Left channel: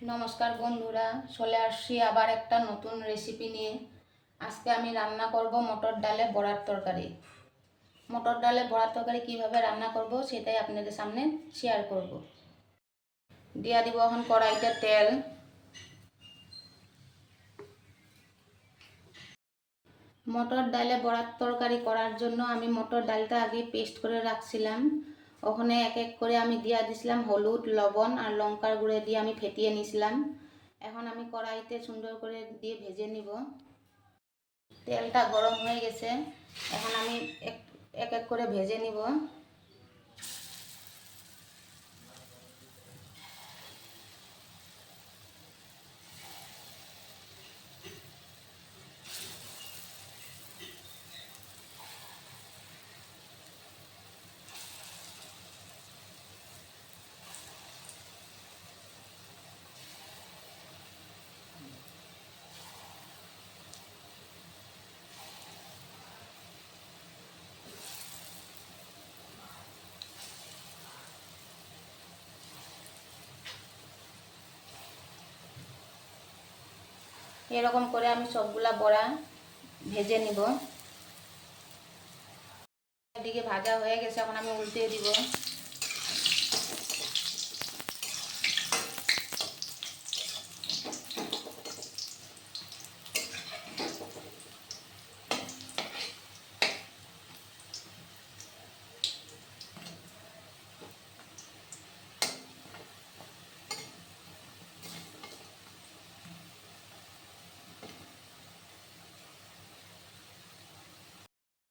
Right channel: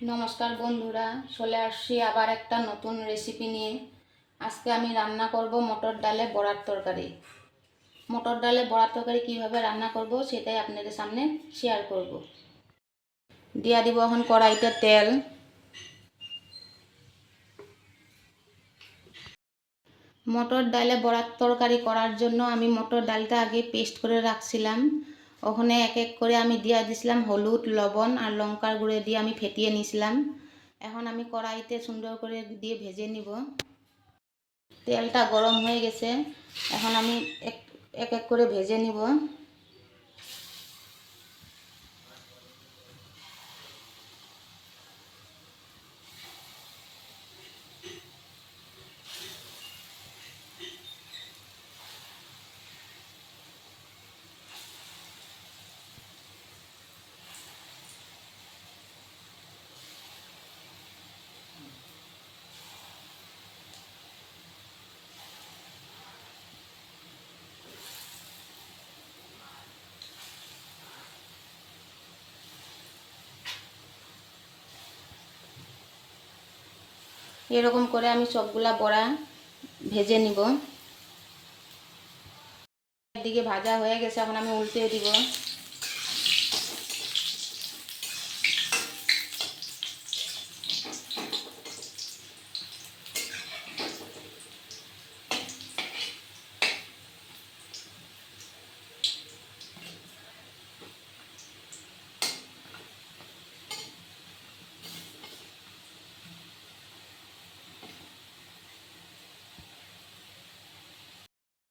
নমস্কার বন্ধুরা, চলে আসছি আবার একটা নতুন রেসিপি নিয়ে। আজকে আমি রান্না করব মটর ডালে বড়ার তরকারি। মটর ডালে বড়ার তরকারি কীভাবে রান্না করব সেটাই আপনাদের সামনে শেয়ার করব। দিয়ে দিব এখন কড়াইতে তেল। মটর ডালে বড়ার তরকারি করার জন্য আমি মটর ডালটা আগে পেস্ট করে রাখছিলাম। ওখানে এক এক করে আমি দিয়ে দিছিলাম হলুদ, লবণ আর লঙ্কার গুঁড়ো দিয়ে আমি ফেটিয়ে নিয়েছিলাম। এখন আমি কড়াইতে সুন্দর করে দিয়ে ভেজে নিব। তেলটা গরম হয়ে গেছে, এখন আমি এক এক করে ভেজে নিব। এরকম করে আমি সবগুলা বড়া ভেজে নিব। একদিকে ভাজা হয়ে গেছে, এখন আমি উল্টে দিব।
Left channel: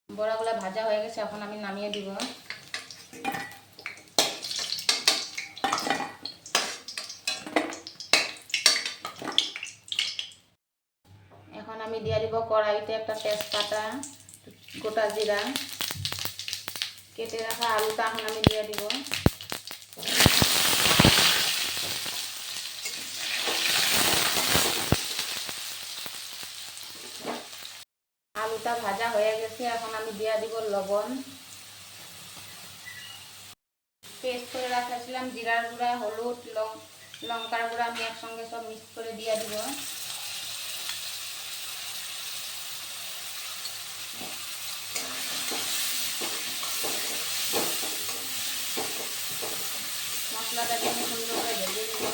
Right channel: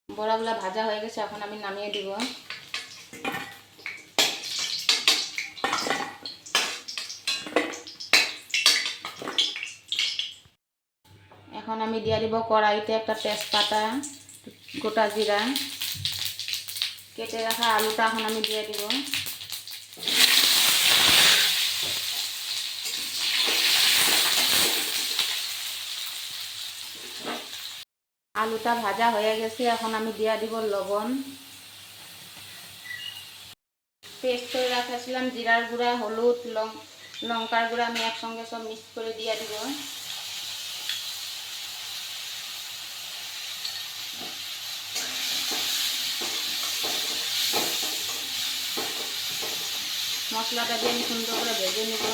বড়াগুলা ভাজা হয়ে গেছে, এখন আমি নামিয়ে দিব। এখন আমি দিয়ে দিব কড়াইতে একটা তেজপাতা, গোটা জিরা, কেটে রাখা আলুটা এখন আমি দিয়ে দিব। আলুটা ভাজা হয়ে গেছে, এখন আমি দিয়ে দিব লবণ। পেস্ট করে রাখছিলাম জিরার গুঁড়া, হলুদ, লঙ্কার গুঁড়া আমি একসঙ্গে সব মিক্স করে দিয়ে দিব। মশলাটা দিয়ে আমি সুন্দর করে ভেজে নেব।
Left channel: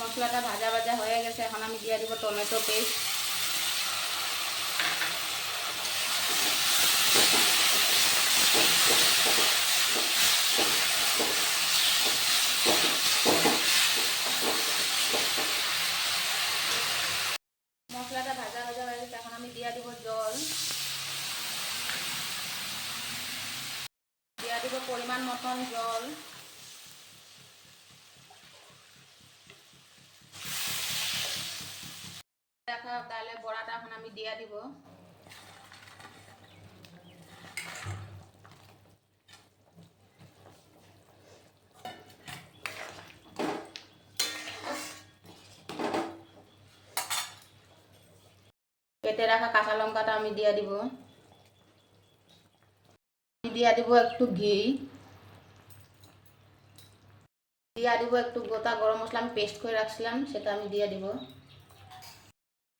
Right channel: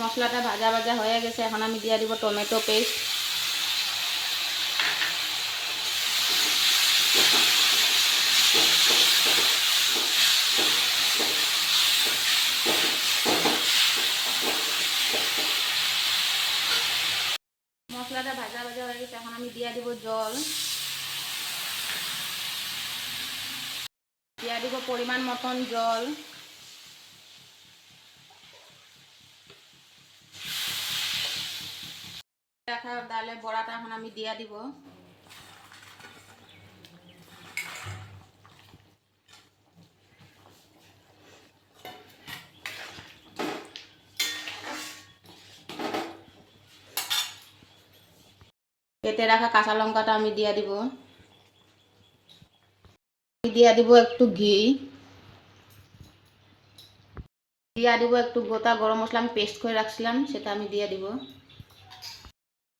মশলাটা ভাজা ভাজা হয়ে গেছে, এখন আমি দিয়ে দিব টমেটো পেস্ট। মশলাটা ভাজা ভাজা হয়ে গেছে, এখন আমি দিয়ে দিব জল। দিয়ে দিব পরিমাণ মতন জল। রাখা ডালে বড়াটা এখন আমি দিয়ে দিব। কেটে রাখা কাঁচা লঙ্কাটা আমি দিয়ে দিব। দিয়ে দিব একটু ঘি, দিয়ে দিব একটু গোটা গরম মশলা আমি পেস্ট করে রাখছিলাম, সেটা আমি দিয়ে দিব।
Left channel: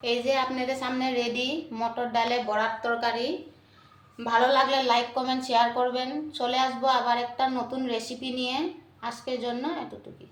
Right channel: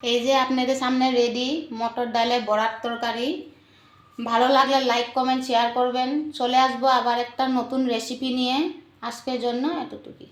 এই যে আপনাদের সামনে রেডি মটর ডালে বড়ার তরকারি। ভালো লাগলে লাইক, কমেন্ট, শেয়ার করবেন। চলে আসবো আবার একটা নতুন রেসিপি নিয়ে। আজকের জন্য এতটুকুই।